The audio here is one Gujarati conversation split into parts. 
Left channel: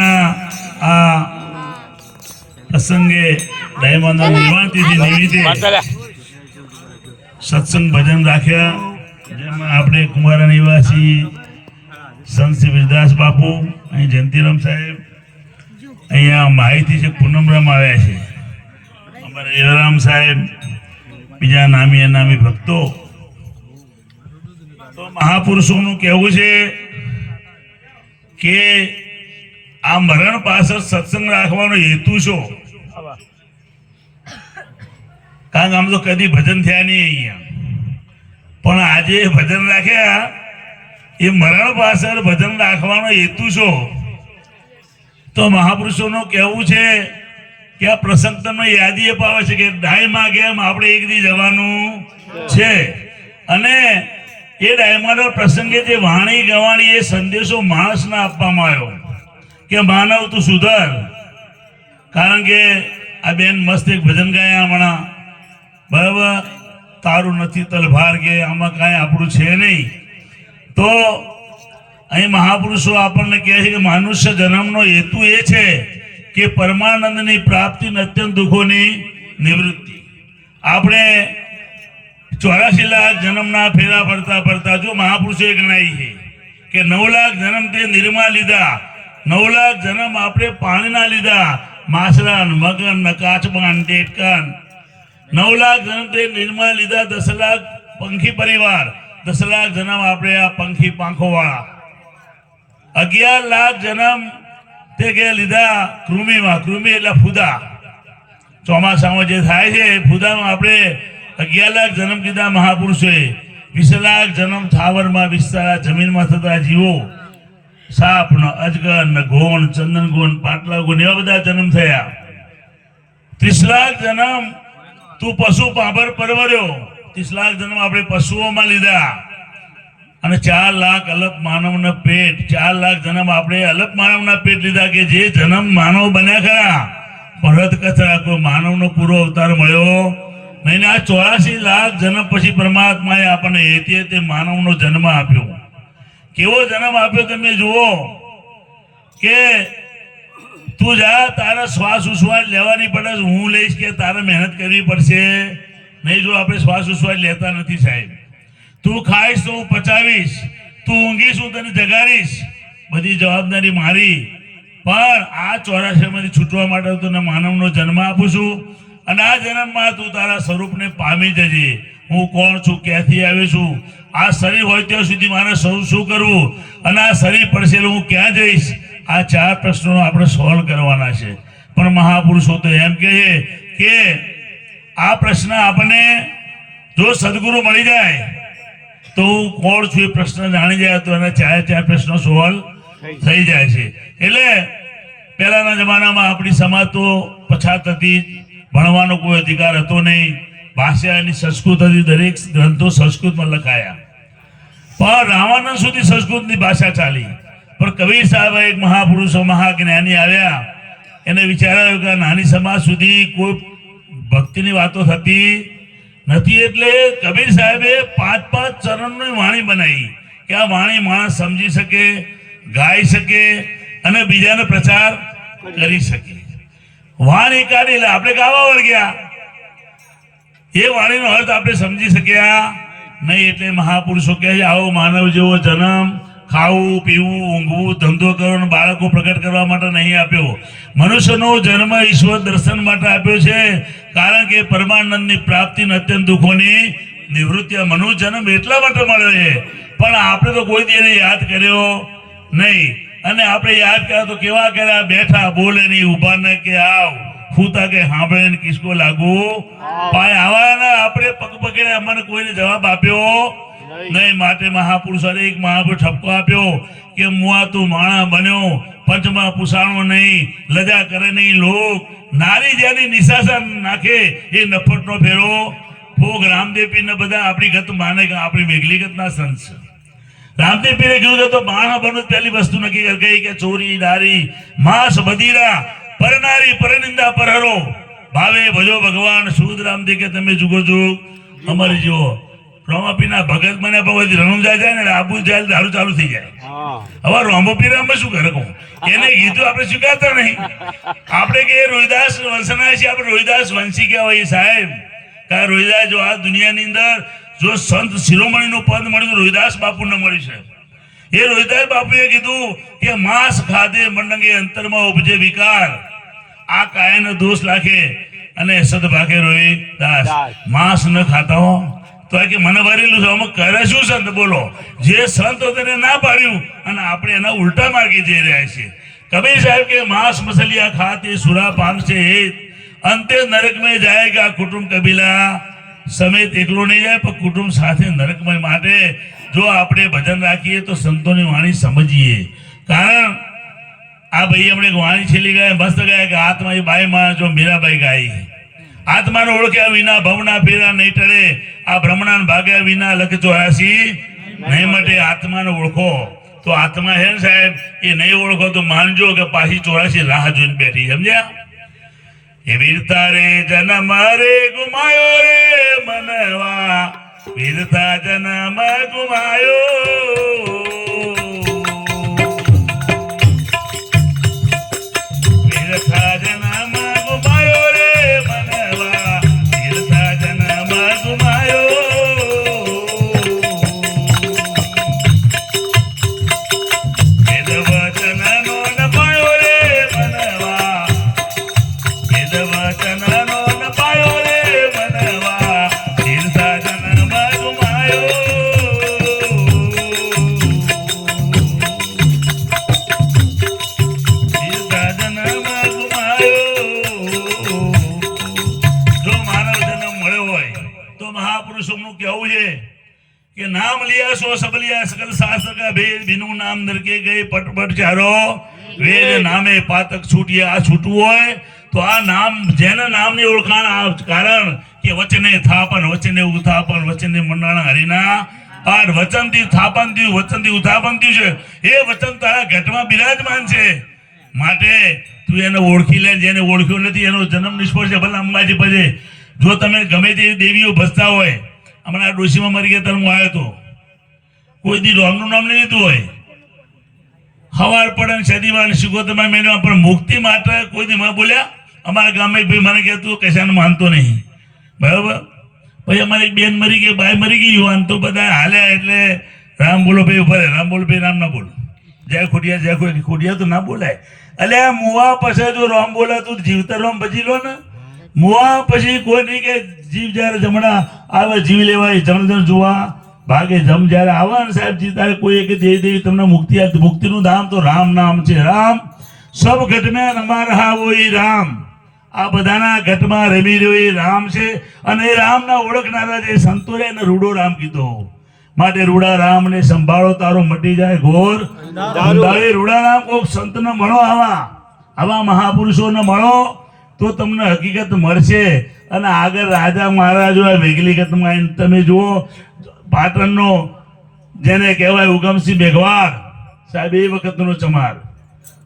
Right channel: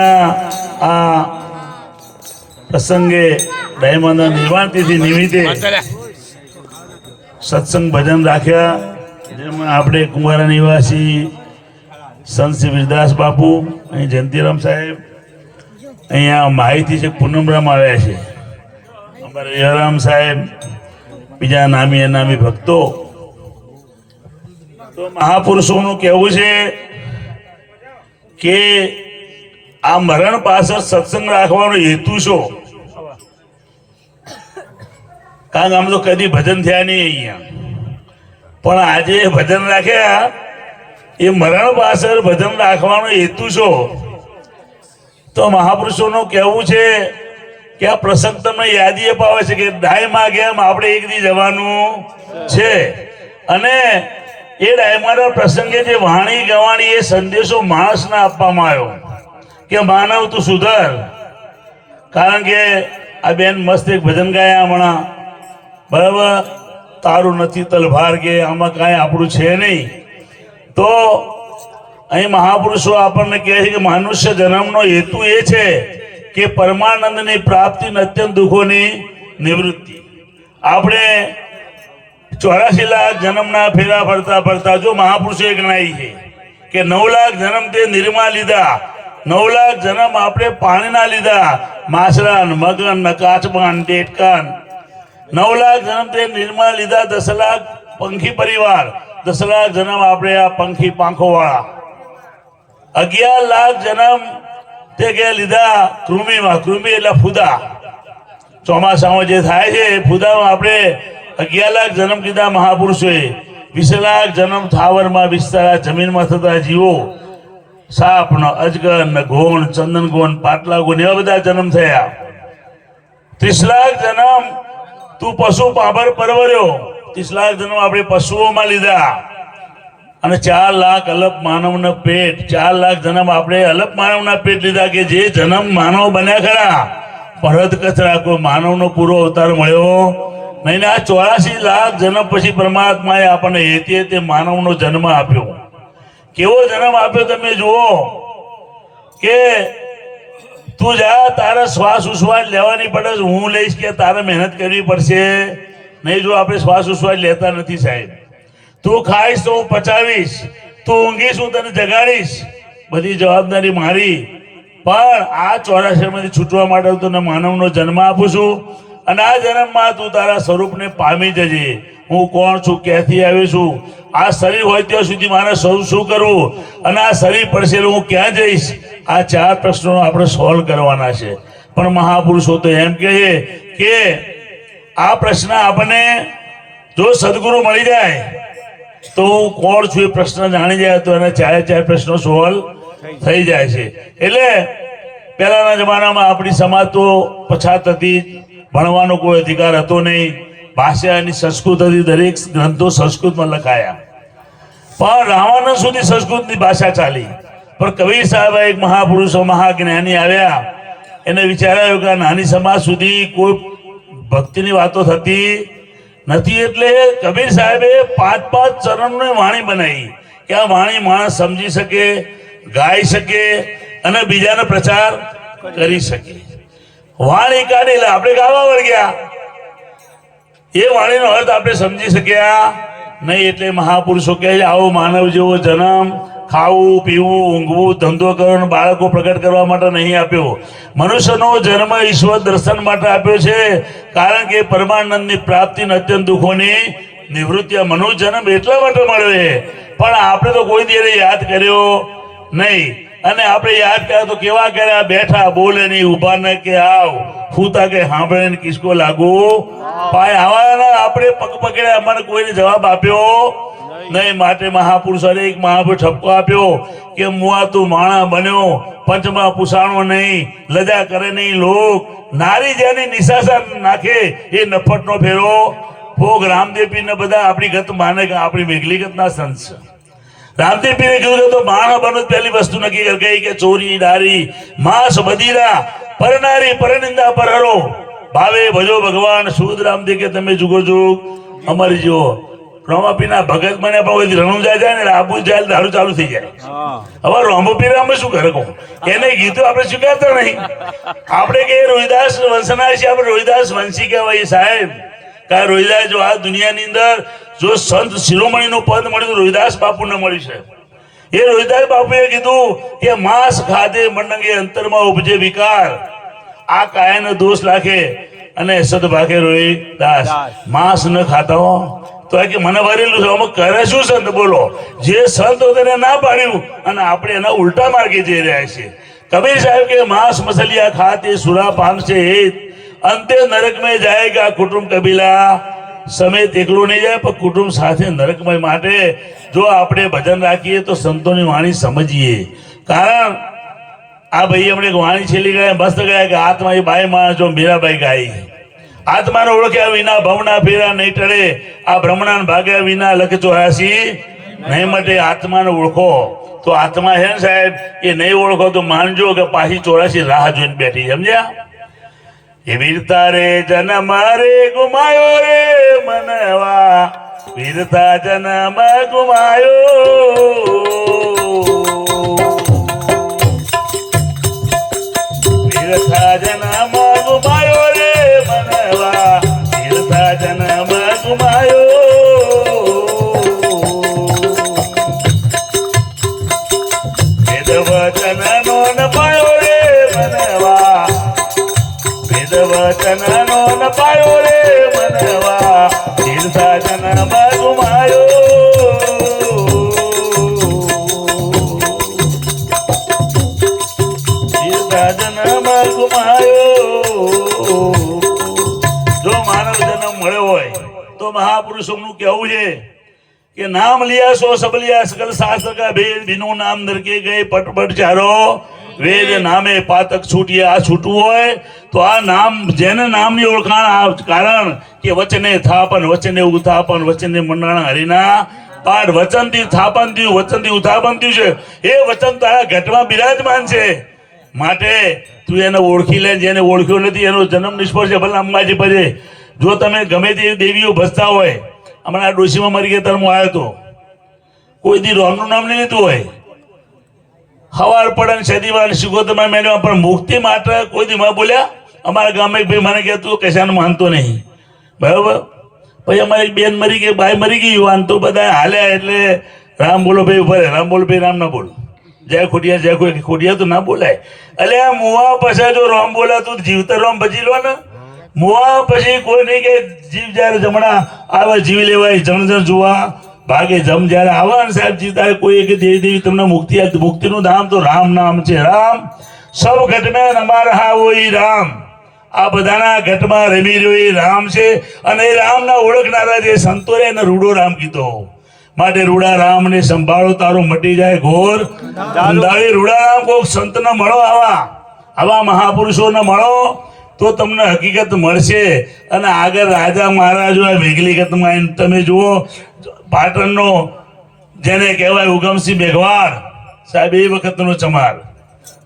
આ પ્રસંગે દયામાંના નિર્વાણ તિથિ નિમિત્તે સત્સંગ ભજન રાખ્યા જેમાં આપણે કુંવારા નિવાસી સંત વિરદાસ બાપુ અહીં જયંતિરામ સાહેબ અહીંયા માહિતી છે પૂનમરામ આવ્યા છે. અમારે જયરામ સાહેબ બીજા નામી અનામી ભક્તો. તો મહાપુરુષોનું કહેવું છે કે આ મરણ પાછળ સત્સંગ રાખવાનો હેતુ શું? કારણ કે આમ તો કદી ભજન થયા નહીં અહીંયા. પણ આજે ભજન રાખ્યા, એ મરણ પાછળ ભજન રાખવાનો હેતુ શું? તો મહાપુરુષોનું કહેવું છે કે આ પ્રસંગ તમને યાદી અપાવે છે કે ડાયમાં ગેમ આપણે એક દી જવાનું છે. અને એ ડાયમાના પ્રસંગે જે વાણી ગવાણી એ સંદેશો માણસને આપવામાં આવ્યો. કે માનવ તું સુધર. કારણ કે આ બેન મસ્ત એક ભજન ગાયા હમણાં. બરાબર? તારું નથી તલભાર કે આમાં કાંઈ આપણું છે નહીં. તો અહીં મહાપુરુષો આપણને કહે છે કે મનુષ્ય જન્મનો હેતુ એ છે કે પરમાનંદની પ્રાપ્તિ અત્યંત દુઃખોની નિવૃત્તિ. આપણે ચોરાસી લાખ જન્મના ફેરા ફરતા ફરતા જો મહાપુરુષે ગણાય છે કે નવ લાખ જન્મ તે નિર્મા લીધા નવ લાખ જન્મ આપણે પાણીના લીધા. માસરાન, મગન કાચબાન ડેટકાન નવ લાખ જન્મ તે નિર્મા લીધા દસ લાખ પંખી પરિવાર. દસ લાખ જન્મ આપણે આ પંખી પાંખો વાળા અગિયાર લાખ જન્મ તે કે લીધા કૃમિમાં. કૃમિ એટલે ફુદા. ચોમાસામાં જે થાય છે એ ફુદામાં આપણે અગિયાર લાખ જન્મ કીધા મહાપુરુષોએ. વીસ લાખ જન્મ થાવરમાં વિસ્તાર જમીનમાં થતા જીવો. સાપ ને અજગર ને ઘોણ, ચંદન ગોણ પાટલા ગુણ એવા બધા જન્મ થયા. ત્રીસ લાખ જન્મ તું પશુ પાભર પરવર્યો. ત્રીસ લાખ જન્મ આપણે પશુઓમાં લીધા. અને ચાર લાખ અલપ માનવના પેટ, ચાર લાખ જન્મ આપણે અલપ માનવના પેટ લીધા કે જે જન્મ માનવ બન્યા ખરા. પરત કચરા કોઈ માનવનો પૂરો અવતાર મળ્યો. નહીં આ ચોરાસી લાખ જન્મ પછી પરમાત્માએ આપણને એતે તે માનવનો જન્મ આપ્યો. કેવો જન્મ આપ્યો તમે જુઓ કે તું જા, તારે શ્વાસ ઉશ્વાસ લેવાની પડે હું લઈશ કે તારે મહેનત કરવી પડશે. નહીં જો આપણે શ્વાસ ઉશ્વાસ લેતા નથી સાહેબ. તું ખાઈશ તો હું પચાવીશ. તું ઊંઘીશ, હું તને જગાડીશ. બધી જવાબદારી મારી. પણ આ ચોરાસીમાંથી છૂટવા માટે તને માનવનો જન્મ આપું છું. અને આ જન્મમાં તું તારા સ્વરૂપને પામી જજે. હું કોણ છું? ક્યાંથી આવ્યો છું? આ શરીર હોય ત્યાં સુધી મારે સૌ શું કરવું અને આ શરીર પડશે હું ક્યાં જઈશ? આ ચાર પ્રશ્નો આપણે સોલ્વ કરવાના છે. પણ મહાપુરુષો તો એમ કહે કે આ પ્રશ્ન આપણને જો સદગુરુ મળી જાય તો હું કોણ છું એ પ્રશ્ન જાણી જાય તો એને ચારે ચાર પ્રશ્નો સોલ્વ થઈ જાય છે. એટલે પહેલાના જમાનામાં આપણી સમાજ તો પછાત હતી. ભણવાનો કોઈ અધિકાર હતો નહીં. ભાષા એની સંસ્કૃત હતી દરેક ગ્રંથો સંસ્કૃતમાં લખાયા. પણ રાવણ સુધી સંસ્કૃતની ભાષા ચાલી. પણ કબીર સાહેબ એક મહાપુરુષો, મહાજ્ઞાની આવ્યા. એને વિચારાયું કે નાની સમાજ સુધી કોઈ ભક્તિની વાતો થતી નથી એટલે કબીર સાહેબે પાંચ પાંચ ચરણની વાણી બનાવી કે આ વાણી માણસ સમજી શકે, ગાઈ શકે અને બીજાને પ્રચાર કરી શકે. વાણી કાઢી લે, આપણે ગાવા વળગ્યા એ વાણીનો અર્થ આપણે સમજી શક્યા નહીં એટલે મહાપુરુષો કહે આવો માનવ જેવો જન્મ, ખાવું, પીવું, ઊંઘવું, ધંધો કરવાનો બાળકો પ્રગટ કરવા માટે નહીં આપ્યો. મનુષ્યનો જન્મ ઈશ્વર દર્શન માટે આપ્યો છે, કારણ કે પરમાનંદની પ્રાપ્તિ અને અત્યંત દુઃખોની નિવૃત્તિ. મનુષ્ય જન્મ એટલા માટે મળ્યો છે. પણ આપણે તો કોઈ દી યાદ કર્યો નહીં. અને આપણે યાદ કર્યા તો કેવા કર્યા? બેઠા બોલે નહીં ઊભા ને કે આવ. ફૂતા કે સાંભળે ને કિસકો લાગુ. ભાઈ આવા આપણે પગ પકડ્યા. મને કોઈને જવાબ આપ્યો? નહીં. માટે મહાપુરુષ એક મહાપુરુષ ઠપકો આપ્યો કે મુઆ તું માણા બન્યો. પંચમાં પુસાણો નહીં લજા કરે નહીં લોક. નારી જેની નિશાસન નાખે એ નફટનો ફેરો. ભોગ રામદેવ ને બધા આપણી ગત માને કે આપણી મેઘલી ગતના સંત છે. રામદેવ પીરે કીધું તું માણસ બનો પહેલી વસ્તુ નક્કી કર ગઈ કે ચોરી દારી માંસ બધીરા પરનારી પરનિંદા પરહરો ભાવે ભજો ભગવાન સુદ રામદેવ કે તમે જુગો જુગ. અમારી જો રોમાપીના ભગત મને પણ રણુજા જાય ને આબુ જાય દારૂ ચાલુ થઈ જાય. હવે રોમપીરા અમે શું કરે કહું એને ગીતો આપણે સ્વીકારતા નહીં. આપણે કે રોહિદાસ વંશના છે આપણે રોહિદાસ વંશી કહેવાય સાહેબ. કારણ રોહિદાસ જો આ દુનિયાની અંદર જો સંત શિરોમણીનું પદ મળ્યું રોહિદાસ બાપુને મળ્યું છે. એ રોહિદાસ બાપુએ કીધું કે માંસ ખાધે મંડંગે અંતરમાં ઉપજે વિકાર. આ કાયાનો દોષ રાખે અને સદભાગે રોહિદાસ માંસ ન ખાતા હો. તો એ કે મને ભરેલું છે અમે કરે શું સંત? બોલો. જે સંત તેને ના પાડ્યું અને આપણે એના ઉલટા માર્ગે જઈ રહ્યા છીએ. કબીર સાહેબ કે માંસ મસલિયા ખાતે સુરા પામશે હેત. અંતે નરકમય જાયગા કુટુંબ કબીલા. સમેત એકલું નહીં જાય, પણ કુટુંબ સાથે નરકમય માટે જો આપણે ભજન રાખીએ તો સંતોની વાણી સમજીએ. કારણ, આ ભાઈ હમણાં એક વાણી છેલ્લી ગયા મસ્ત ગયા કે આત્મા એ બાઈ માણસ જો મીરાબાઈ ગાઈ આત્માને ઓળખ્યા વિના ભવના ફેરા નહીં ટળે. આ ભ્રમણા ભાગ્યા વિના લખ ચોરાસી. નહીં માટે આત્માને ઓળખો. તો આત્મા ને સાહેબ, એ નહીં ઓળખો તો માનજો કે પાછી ચોરાસી રાહ જોઈને બેઠી સમજ્યા? વીરતા રે જન્મ રે ગુમાયો રે મનવા. વીરતા જન્મ ગુમાયો. સો સબલિયા સકલ સાસકા ભેદ નામ નરકે ગઈ પટપટ ચારો. વેદ નામે પાતક છૂટીએ આ છૂટવું હોય તો આ નામ જેને નામની ઓળખાણ કારણ કે વચને થાપન વચને ઉથાપન વચને મંડાણા હરિના. પાઠ વચનથી થાપન થયું વચનથી ઉથાપન થયું છે. એ વચન તારા ઘટમાં બિરાજમાન છે. માટે તું એને ઓળખી લે જેને ઓળખ્યો નથી એનો જન્મ નિષ્ફળ છે. ભલે અંબાજી ભજે જો તમે ગમે તે દેવીઓ ભસતા હોય હમણાં ડોશીમાં મરી ગયા ત્યારે આવ્યો હતો. કોઈ દી રોમનું નામ નહીં લીધું હોય. હવાર પડે શનિવાર શિગોતરમાં મેળવ્યા પણ મુક્તિ માત્ર કોઈ દી બોલ્યા? અમારા ગામે ભાઈ મને કહેતું કશાનું માનતો નહીં. બરાબર? પછી અમારી બેન મરી ગઈ, બાઈ મરી ગઈ તો બધા હાલ્યા એટલે રામ બોલો ભાઈ ઊભા રામ બોલો ભાઈ, રામ ના બોલો. જય ખોડિયા જય ખોડિયા ખોડિયા તો ના બોલાય. એટલે આ મોવા પછી જો રોમ બોલે તો જીવતા રોમ બચી લો ને. મોવા પછી કોઈ નહીં કે જીવ જ્યારે જમણા આવે જીવ લેવાય જણ જોવા. ભાગે જમ જ્યારે આવે ને સાહેબ જી ત્યારે કોઈ એક દેવી દેવી તમને મુક્તિ મુક્તિનું નામ તો રામ નામ છે. રામ. સૌ ઘટને રમા રહા હોય રામ. આ બધાના ઘટમાં રમી રહ્યો એ રામ છે. અને એ રામના ઓળખનારા જે સંતો રે એને રૂડો રામ કીધો. માટે રૂડા રામને સંભાળો તારો મટી જાય ઘોર. રૂડા કોક સંતના મળો આવા. આવા મહાપુરુષોને મળો તો તમને હકીકત મળશે. અને આગળ રાજા મહારાજો વિગલીગતમાં આવીને તમે જુઓ પાટણનો જેને કહેવાય ઉગમસિંહ મેઘવાર સાહેબ એ વખતનો ચમાર.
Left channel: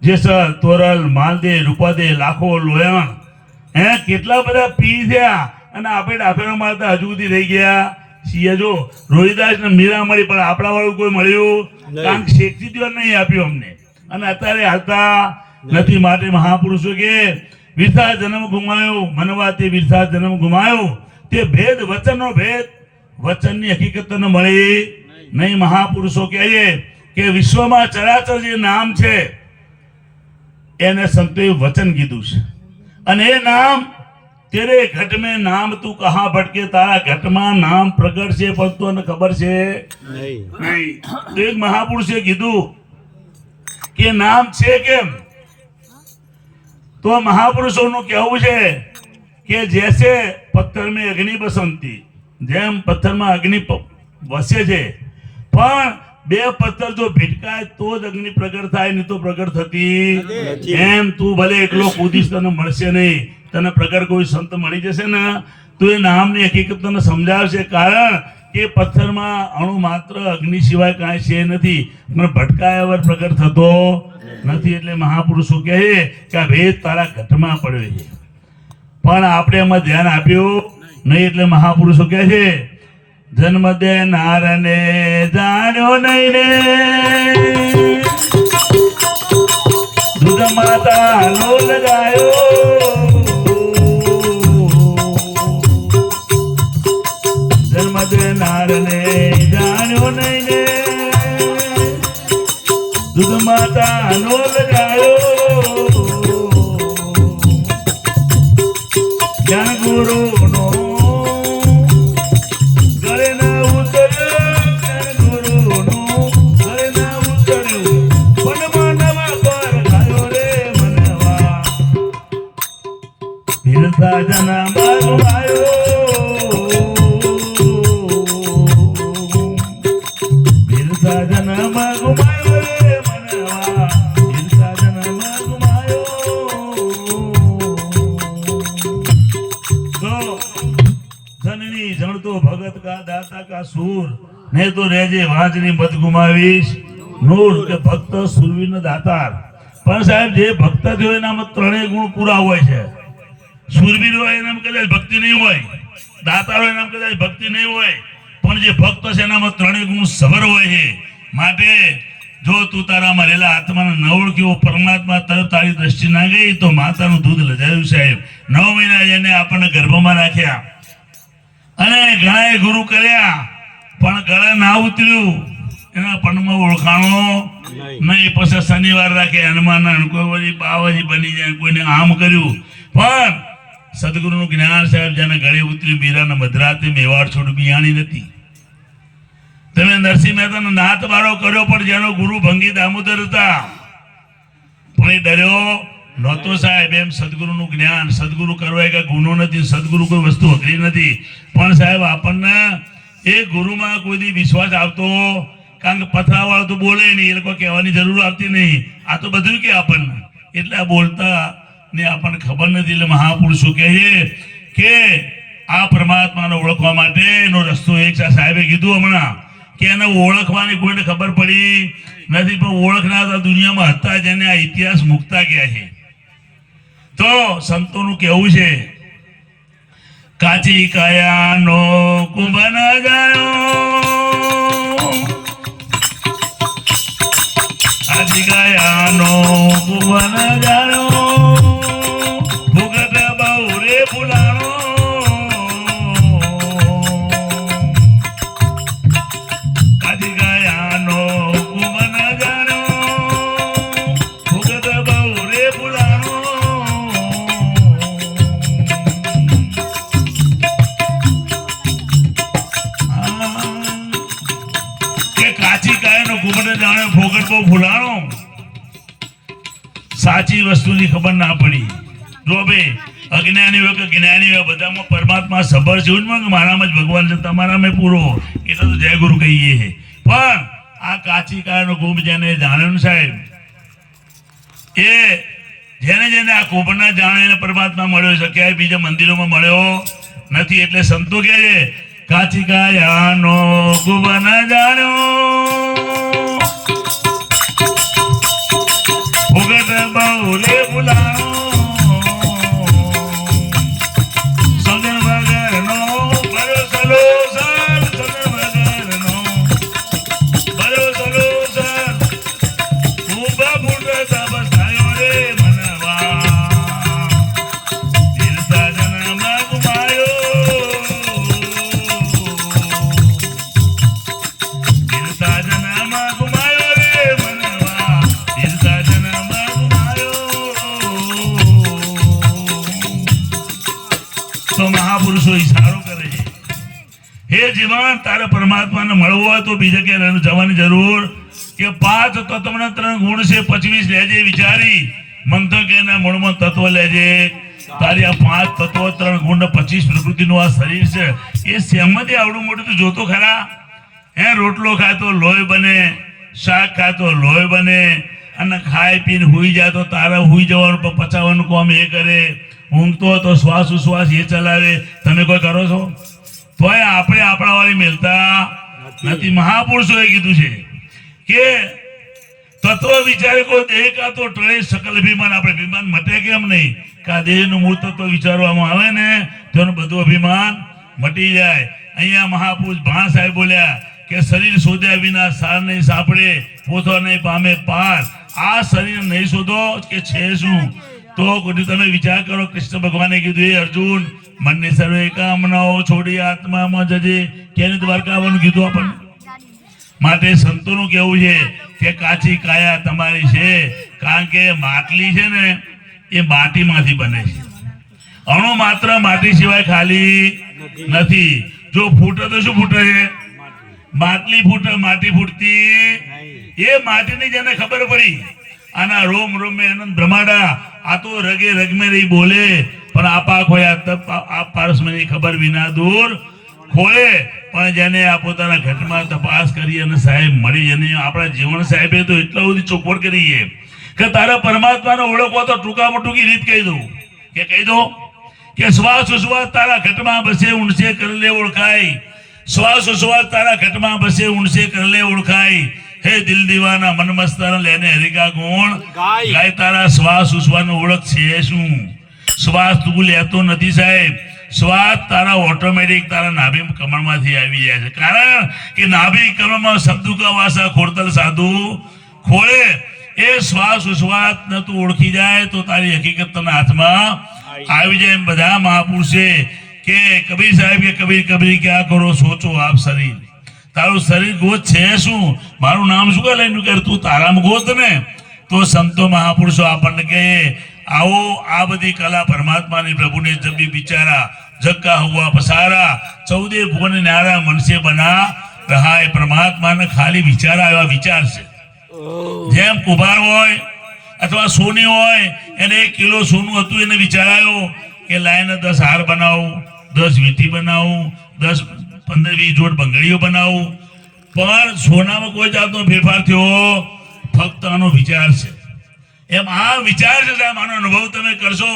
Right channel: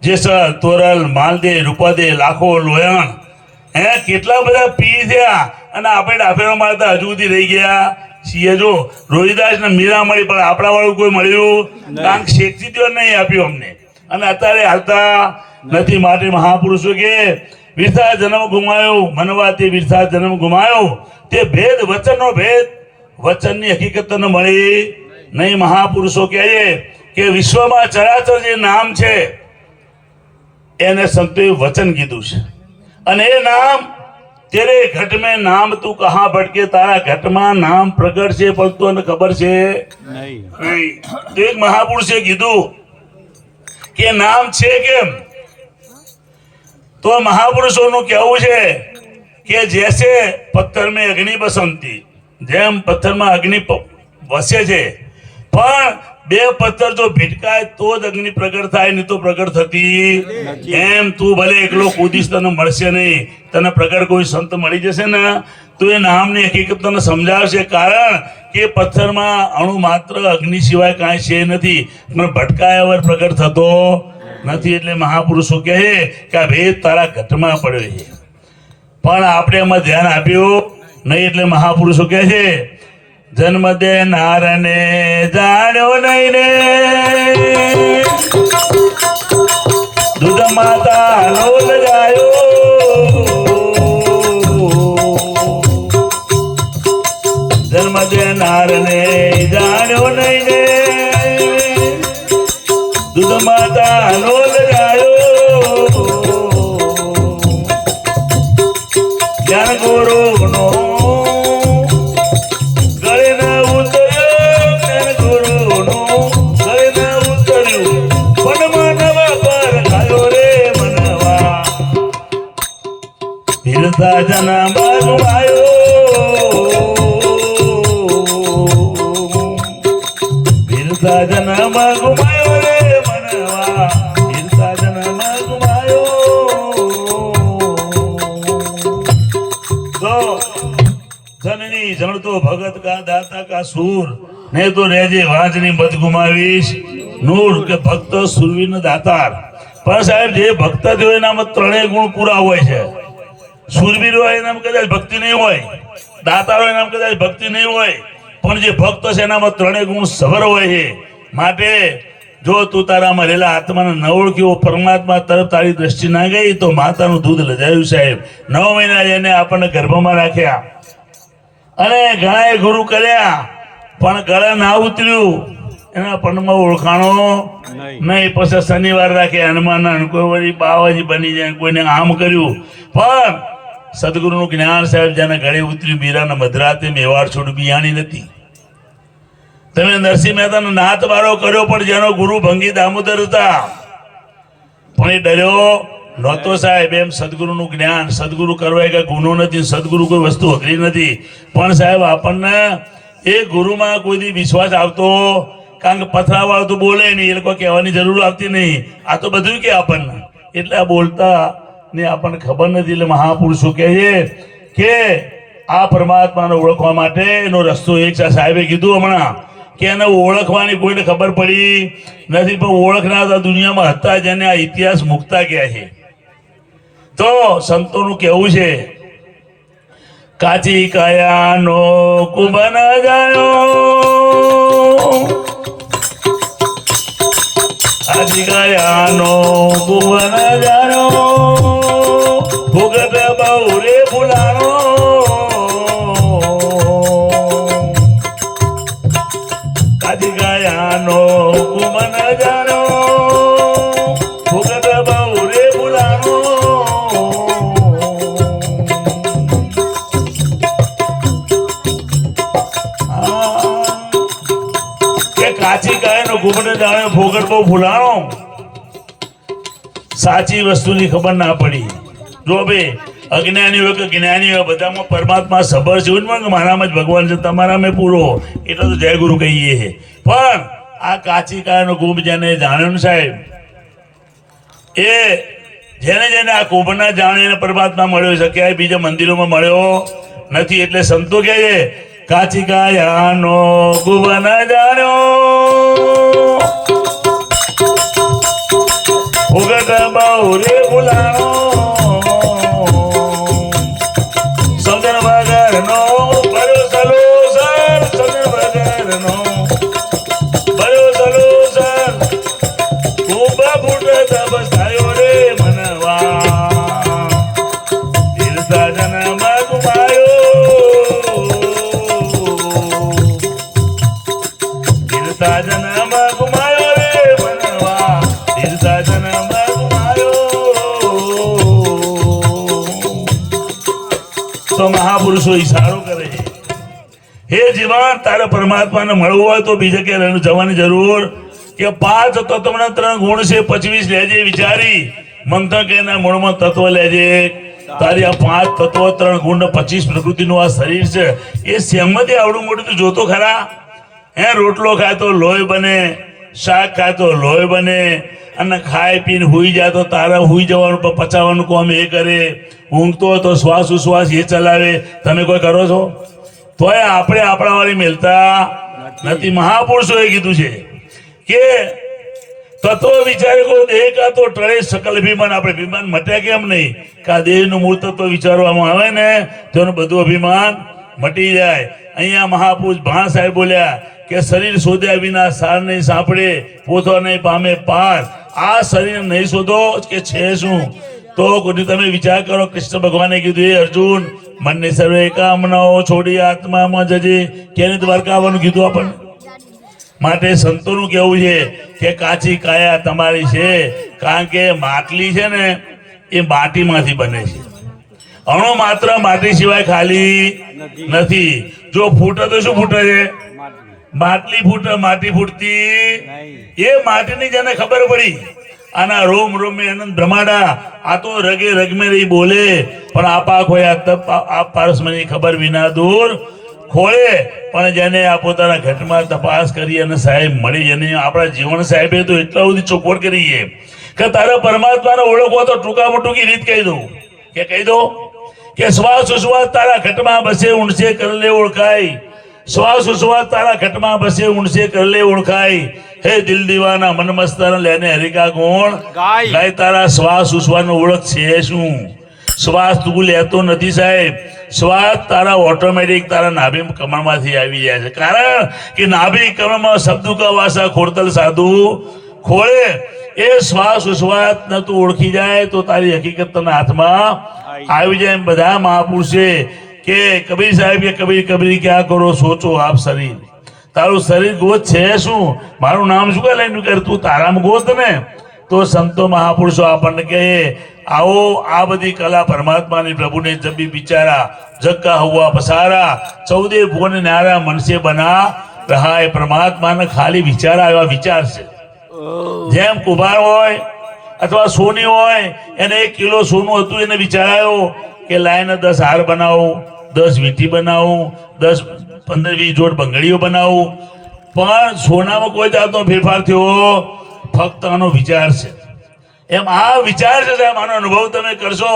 જેસર તોરલ માલદે રૂપદે લાખો લોયણ હે કેટલા બધા પી થયા. અને આપણે ડાફેરો મારતા હજુ સુધી રહી ગયા છીએ. જો રોહિદાસ ને મીરા મળી પણ આપણા વાળું કોઈ મળ્યું. કારણ કે શેખજી દેવ નહીં આપ્યું અમને. અને અત્યારે હાલતા નથી. માટે મહાપુરુષો કે વિરસા જન્મ ગુમાયો મનવાથી વિરસા જન્મ ગુમાયો. તે ભેદ વચનનો ભેદ વચનની હકીકત ન મળી? નહીં મહાપુરુષો કહે કે વિશ્વમાં ચરાચર જે નામ છે એને સંતોએ વચન કીધું છે. અને એ નામ તેરે ઘટ મેં નામ તું કહા ભટકે તારા ઘટમાં નામ પ્રગટ છે પણ તને ખબર છે? નહીં. એક મહાપુરુષે કીધું કે નામ છે કેમ? તો મહાપુરુષોનું કહેવું છે કે જૈસે પથ્થર મેં અગ્નિ બસંતી. જેમ પથ્થરમાં અગ્નિ વસે છે પણ બે પથ્થર જો ભીટકાય તો જ અગ્નિ પ્રગટ થાય નહીં તો પ્રગટ થતી. એમ તું ભલે એકલો કૂદીશ તને મળશે નહીં. તને પ્રગટ કોઈ સંત મળી જશે ને? તું એ નામની હકીકત તને સમજાવશે કારણ કે પથ્થરમાં અણુ માત્ર અગ્નિ સિવાય કાંઈ છે નથી પણ ભટકાયા વર પ્રગટ થતો નથી. એટલે મહાપુરુષો કહે કે આ ભેદ તારા ઘટમાં પડ્યો છે. પણ આપણે એમાં ધ્યાન આપ્યું નહીં એટલે મહાપુરુષો કહે છે જન્મ દેનારને જાણ્યો નહીં રે. હિરતા જનામાં ગુમાયો હિરતા જનામાં ગુમાયો રે મનવા હિરતા જનામાં ગુમાયો તો જનની જણતો ભગત કા દાતા કા સુર ને તો રેજે વાંચની મત ગુમાવીશ નૂર કે ભક્ત સુરવીન દાતાર પણ સાહેબ જે ભક્ત થયો એનામાં ત્રણેય ગુણ પૂરા હોય છે. સુરવીર હોય એનામાં કદાચ ભક્તિ નહીં હોય દાતા હોય એનામાં કદાચ ભક્તિ નહીં હોય પણ જે ભક્ત છે એનામાં ત્રણેય ગુણ સવર હોય છે. માટે જો તું તારા મરેલા આત્માને ન ઓળખ્યો પરમાત્મા તરફ તારી દ્રષ્ટિ ના ગઈ તો માતાનું દૂધ લજાયું સાહેબ. નવ મહિના એને આપણને ગર્ભમાં રાખ્યા. અને ઘણાએ ગુરુ કર્યા પણ ગળા ના ઉતર્યું. એના પંડમાં ઓળખાણો નહીં. પછી શનિવાર રાખે હનુમાન કોઈ વળી બાવાજી બની જાય કોઈને આમ કર્યું. પણ સદગુરુનું જ્ઞાન સાહેબ જેને ગળે ઉતર્યું મીરાના મધરાતે મેવાડ છોડ બિયાણી નથી. તમે નરસિંહ મહેતાનો નાથ બારો કર્યો પણ જેનો ગુરુ ભંગી દામોદર હતા. પણ એ ડર્યો નહોતો સાહેબ. એમ સદગુરુનું જ્ઞાન, સદગુરુ કરવા કઈ ગુનો નથી, સદગુરુ કોઈ વસ્તુ અઘરી નથી. પણ સાહેબ આપણને એ ગુરુમાં કોઈ દી વિશ્વાસ આવતો? કારણ કે પથરાવાળું તો બોલે નહીં, એ લોકો કહેવાની જરૂર આવતી નહીં. આ તો બધું કે આપણને. એટલે બોલતા ને આપણને ખબર નથી એટલે મહાપુરુષો કહે કે આ પરમાત્માને ઓળખવા માટે એનો રસ્તો એક. સાહેબે કીધું હમણાં કે એને ઓળખવાની કોઈને ખબર પડી નથી, પણ ઓળખનાર દુનિયામાં હતા જેને આ ઇતિહાસ મુકતા ગયા છે. તો સંતોનું કહેવું છે, કાચી કાયાનો કુંભન જાયો કાચી કયાનો કુંભન જાયો વસ્તુની ખબર ના પડી. જો ભાઈ અજ્ઞાની હોય કે જ્ઞાની હોય બધામાં પરમાત્મા સભર છે કે મારામાં જ ભગવાન છે, તમારામાં પૂરો. એટલે તો જય ગુરુ કહીએ પણ આ કાચી કાળનો ગુમ જેને જાણ્યું સાહેબ, એ જેને જેને આ કુંભના જાણીને પરમાત્મા મળ્યો છે, ક્યાંય બીજા મંદિરોમાં મળ્યો નથી. એટલે સંતો કહે છે કાચી કાયાનો કુંભ ન જાણ્યો તો મહાપુરુષો, ઈશારો કરે છે. હે જીવન, તારે પરમાત્માને મળવું હોય તો બીજે કે જવાની જરૂર કે પાંચ તત્વના ત્રણ ગુણ છે પચવીસ લેજે વિચારી. મંથક એના મૂળમાં તત્વ લેજે. તારી આ પાંચ તત્વ, ત્રણ ગુણ પચીસ પ્રકૃતિનું આ શરીર છે, એ સેમતે આવડું મોટું તું જોતો ખરા? હે, રોટલો ખાય તો લોહી બને, શાક ખાય તો લોહી બને, અને ખાય પીને હુઈ જાય તો તારા હુઈ જવાનું પચાવવાનું કોમ એ કરે. ઊંઘતો તો શ્વાસ ઉશ્વાસ એ ચલાવે. તમે કોઈ કરો છો? તોય આપણે આપણા વાળી મેલતા નથી. મહાપુરુષોએ કીધું છે કે તત્વ વિચારકો દેહ કા તો ટળે સકલ અભિમાન આપણે અભિમાન મટ્યા કેમ નહીં? કે આ દેહનું મૂળ તત્વ વિચારવામાં આવે ને તેનું બધું અભિમાન મટી જાય. અહીંયા મહાપુરુષ ભાણ સાહેબ બોલ્યા કે શરીર શોધ્યા વિના સાર નહીં સાંભળે પોતો નહીં પામે પાર. આ શરીર નહીં શોધો કે છે શું? તો તમે વિચાર કરો કૃષ્ણ ભગવાને કીધું એ અર્જુન મનને સર્વે કામનાઓ છોડી આત્મામાં જજે. કેને દ્વારકા આવવાનું કીધું આપણને? માટે સંતોનું કેવું છે કે કાચી કાયા તમારી છે કારણ કે માટલી છે ને એ માટીમાંથી બને છે. અણુ માત્ર માટી સિવાય ખાલી નથી. જો ફૂટે તો શું ફૂટે? છે માટલી ફૂટે માટી ફૂટતી એ માટીની જેને ખબર પડી આના રોમ રોમે આનંદ બ્રહ્માડા. આ તો રગે રગમે રહી બોલે. પણ આપા ખોયા તપ, આ પારસમની ખબર વિના દૂર. ખોળે. પણ જેને આ પોતાના ઘટમાં તપાસ કરી અને સાહેબ મળી અને આપણા જીવન સાહેબે તો એટલા બધી ચોખવટ કરી છે કે તારે પરમાત્માને ઓળખો તો ટૂંકામાં ટૂંકી રીત કહી દઉં. કે કહી દો કે શ્વાસ ઉશ્વાસ તારા ઘટમાં બસે ઊંડશે કરલે ઓળખાય. શ્વાસ ઉશ્વાસ તારા ઘટમાં બસે ઊંડશે કરલે ઓળખાય. હે દિલ દીવાના મન મસ્તાના લેને હરિકા ગુણ. ગાય. તારા શ્વાસ ઉશ્વાસનો ઓળખ છે શું? શ્વાસ તું લેતો નથી સાહેબ. શ્વાસ તારા ઓટોમેટિક તારા નાભી કમળમાંથી આવી જાય છે. કારણ કે નાભી કમળમાં શબ્દો કા વાસા ખોરતલ સાધુ? ખોળે. એ શ્વાસ ઉશ્વાસ ને તું ઓળખી જાય તો તારી હકીકત તના હાથમાં આવી જાય એમ બધા મહાપુરુષે કે કબીર સાહેબ કે કબીર કબીર ક્યાં કરો? સોચો આપ શરીર. તારું શરીર ગોત છે શું? મારું નામ શું કહેલા એનું કર? તું તારામાં ગોત ને. તો સંતો મહાપુરુષો આપણને કહે આવો આ બધી કલા પરમાત્માની પ્રભુને જબી બિચારા જક્કા હુआ પસારા ચૌદે ભુવન નારા મનસે બના રહા એ પરમાત્માને ખાલી વિચાર આવ્યા વિચાર છે. જેમ કુભાર હોય અથવા સોની હોય એને એક કિલો સોનું હતું એને વિચાર આવ્યો કે લાઈને દસ હાર બનાવું દસ વીંટી બનાવું દસ પંદર વીસ જોડ બંગડીઓ બનાવું. પણ સોનામાં કોઈ જાતનો ફેરફાર થયો, ફક્ત આનો વિચાર છે. એમ આ વિચાર છે, સાહેબ, આનો અનુભવ તમે કરશો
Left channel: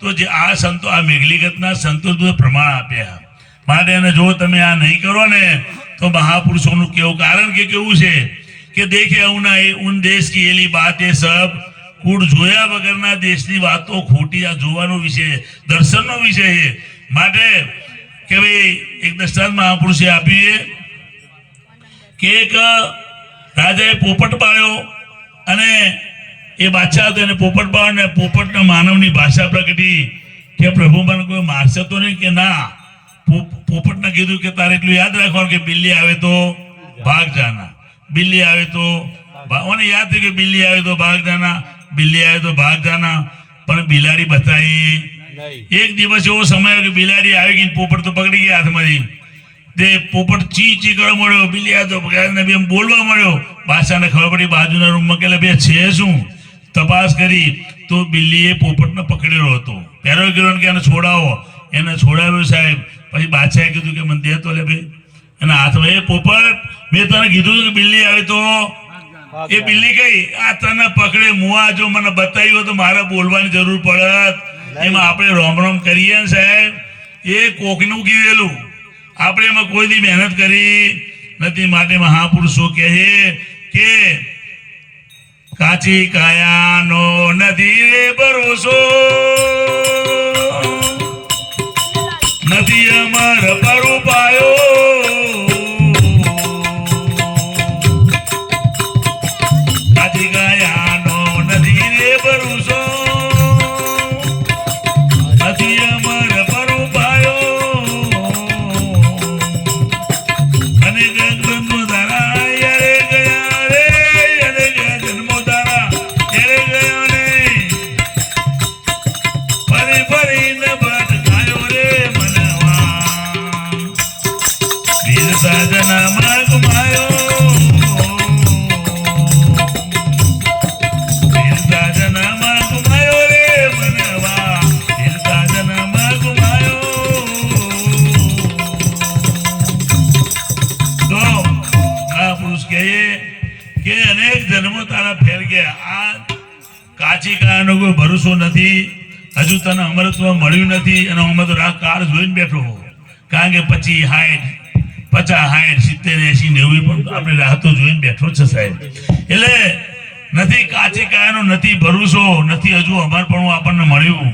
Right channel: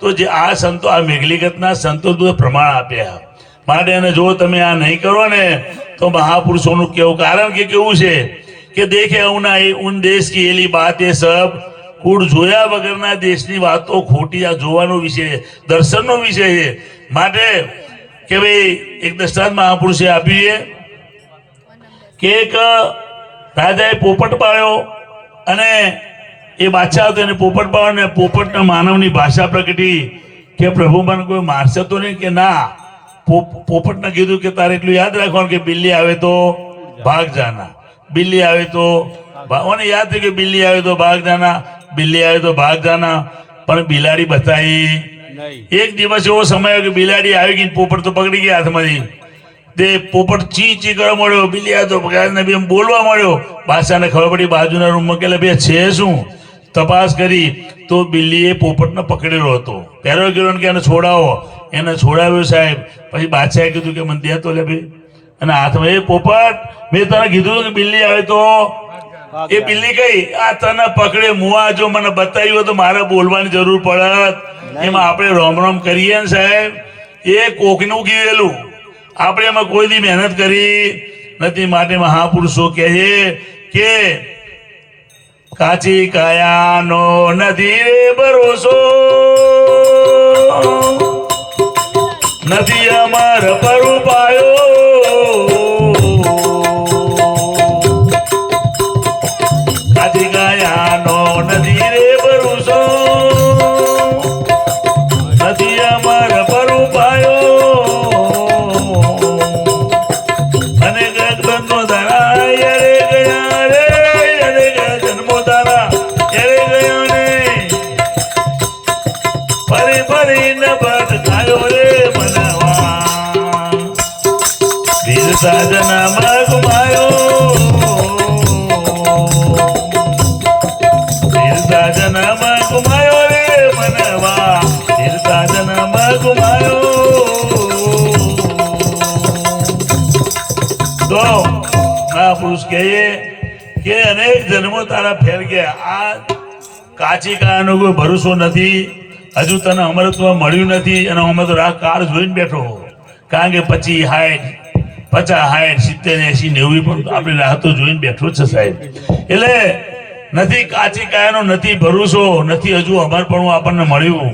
તો જે આ સંતો, આ મેઘલીગતના સંતો પ્રમાણ આપ્યા માટે એને જો તમે આ નહીં કરો ને, તો મહાપુરુષોનું કેવું કારણ કે કેવું છે કે દેખે ઉના એ ઉન દેશ કી એલી બાત એ સબ કુળ જોયા વગરના દેશની વાતો ખોટી આ જોવાનો વિષય દર્શનનો વિષય છે. માટે કે ભાઈ, એક દ્રષ્ટાંત મહાપુરુષે આપ્યું છે કે એક રાજાએ પોપટ પાળ્યો અને એ બાદશાહ હતો, એને પોપટ પાડ્યો ને પોપટના માનવની ભાષા પ્રગટી કે પ્રભુ મને કોઈ મારશે તો નહીં કે ના? પોપટને કીધું કે તારે એટલું યાદ રાખવાનું કે બિલ્લી આવે તો ભાગ જાના. બિલ્લી આવે તો મને યાદ થયું કે બિલ્લી આવે તો ભાગ જાના, બિલ્લી આવે તો ભાગ જાના. પણ બિલાડી બતાવી એક દિવસ એવો સમય આવ્યો કે બિલાડી આવી ગઈ પોપટ તો પકડી ગયા હાથમાંથી. તે પોપટ ચી ચી કરવા મળ્યો બિલિયા તો પકડાને બી એમ બોલવા મળ્યો બાદશાહને ખબર પડી બાજુના રૂમમાં કે બે છે શું? તપાસ કરી તો બિલ્લીએ પોપટને પકડેલો હતો. પહેરો ગયો કે એને છોડાવો? એને છોડાવ્યો સાહેબ. પછી બાદશાહે કીધું કે મને દે તો લે ભાઈ. એના હાથમાં એ પોપટ મેં તને કીધું કે બિલ્લી આવે તો? એ બિલ્લી કઈ? આ તને પકડે મુઆ જો મને બતાવ્યું હોય તો મારે બોલવાની જરૂર પડત. એમાં આપણે રોમ રોમ કરીએ ને સાહેબ, એ કોકનું કીધેલું. આપણે એમાં કોઈ દી મહેનત કરી નથી, માટે મહાપુરુષો કહે કે કાચી કાયાનો નથી ભરોસો. નથી. હજુ તને અમરત્વ મળ્યું નથી અને અમે તો રાહ કાર જોઈને બેઠો કારણ કે પછી હાઈટ પચાસ હાઈટ સિત્તેર એસી નેવું પણ આપણી રાહ જોઈને બેઠો છે સાહેબ. એટલે નથી કાચી કાયાનો નથી ભરોસો, નથી હજુ અમરપણું આપણને મળ્યું.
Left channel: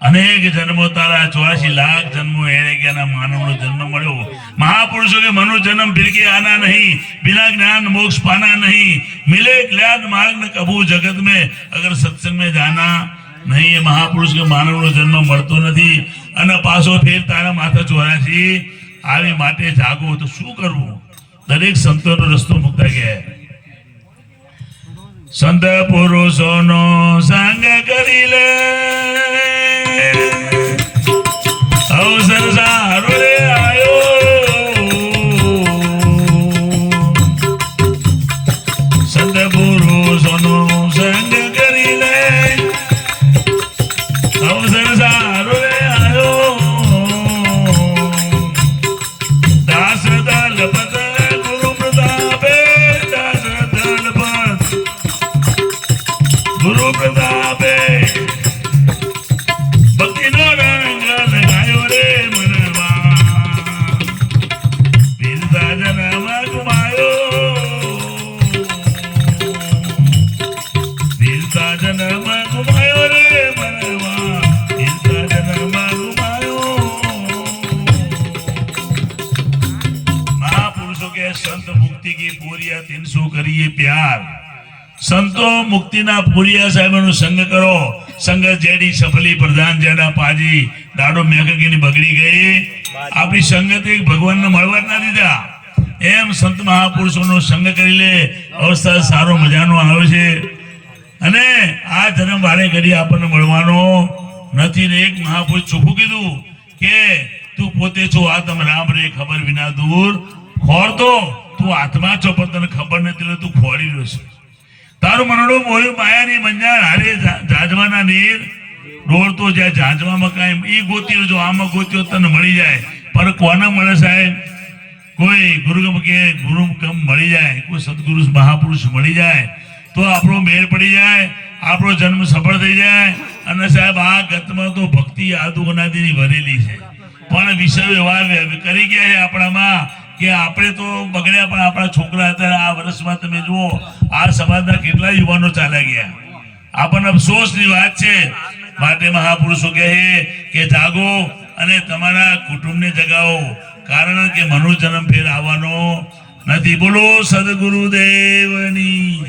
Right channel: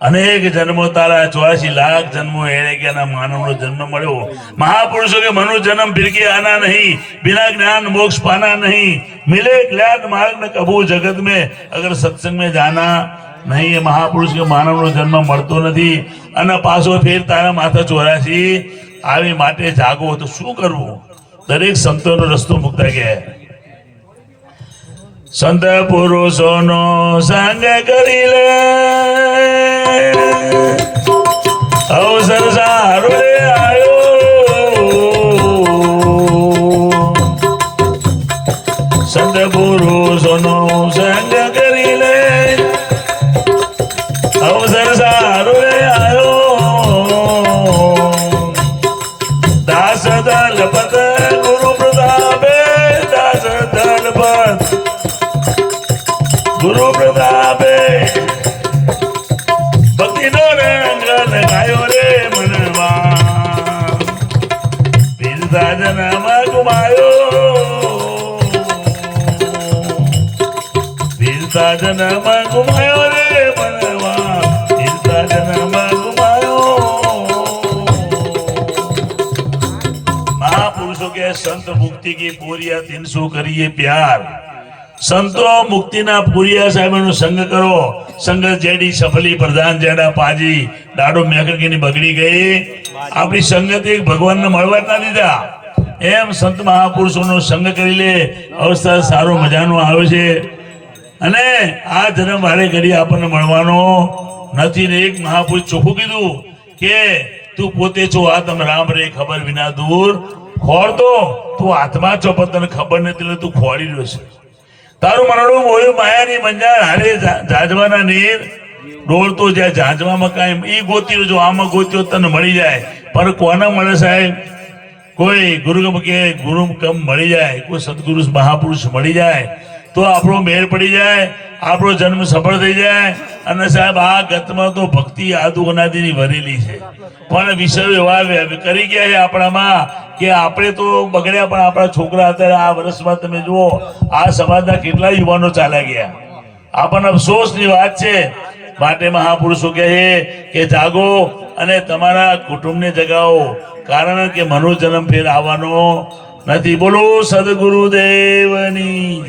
અનેક જન્મો તારા ચોરાસી લાખ જન્મો એને કે માનવનો જન્મ મળ્યો. મહાપુરુષો કે મનુ જન્મ ભીરકી આના નહીં, બિના જ્ઞાન મોક્ષ પાના નહીં. મિલે જ્ઞાન માર્ગ ને કબૂ જગત મેં અગર સત્સંગ મેં જાના નહીં, એ મહાપુરુષ કે માનવનો જન્મ મળતો નથી અને પાછો ફેર તારા માથા ચોરાશી. આવી માટે જાગો, તો શું કરવું? દરેક સંતોનો રસ્તો મુકતા ગયા સંત પુરુષોનો સંગ કરી લે. અવસર મુક્તિ की પૂરિયા તીનસો કરીએ પ્યાર. સંતો મુક્તિના પુરિયા સાહેબનો સંગ કરો. સંગત જેડી સફલી, પ્રધાન જેડા પાજી, દાડો મેઘકીની બગડી ગઈ. આપણી સંગત ભગવાનને મળવા ના દીધા. એમ સંત મહાપુરુષોનો સંગ કરી લે. અવસ્થા સારો મજાનો આવે છે. અને આ ધર્મ વારે ઘડી આપણને મળવાનો. નથી ને એક મહાપુરુષ ચોખ્ખું કીધું કે, તું પોતે છો આ તમે રામ રે ખબર વિના દૂર. ખોરતો તું હાથમાં છો, પણ તને ખબર નથી એટલે તું ખોરી રહ્યો છે. તારું મનડું મોયું માયાની મંજાર હારે જાજવાના નીર. ડોળતો જાય જાજવામાં કાંઈ એ ગોત્યો જો આમાં ગોત્યો તને મળી જાય. પણ કોને મળે સાહેબ? કોઈ ગુરુ કે ગુરુ કમ મળી જાય? કોઈ સદગુરુ મહાપુરુષ મળી જાય? તો આપણો મેળ પડી જાય, આપણો જન્મ સફળ થઈ જાય. અને સાહેબ, આ ગતમાં તો ભક્તિ આદુ અનાદિની ભરેલી છે. પણ વિષયો એવા કરી ગયા છે આપણામાં. કે આપણે તો બગડ્યા પણ આપણા છોકરા અત્યારે આ વર્ષમાં તમે જુઓ, આ સમાજના કેટલા યુવાનો ચાલ્યા ગયા. આપણને અફસોસની વાત છે. માટે મહાપુરુષો કહે કે જાગો અને તમારા કુટુંબને જગાવો. કારણ કે મનોજન્મ ફેર આવવાનો નથી. બોલો સદગુરુદેવની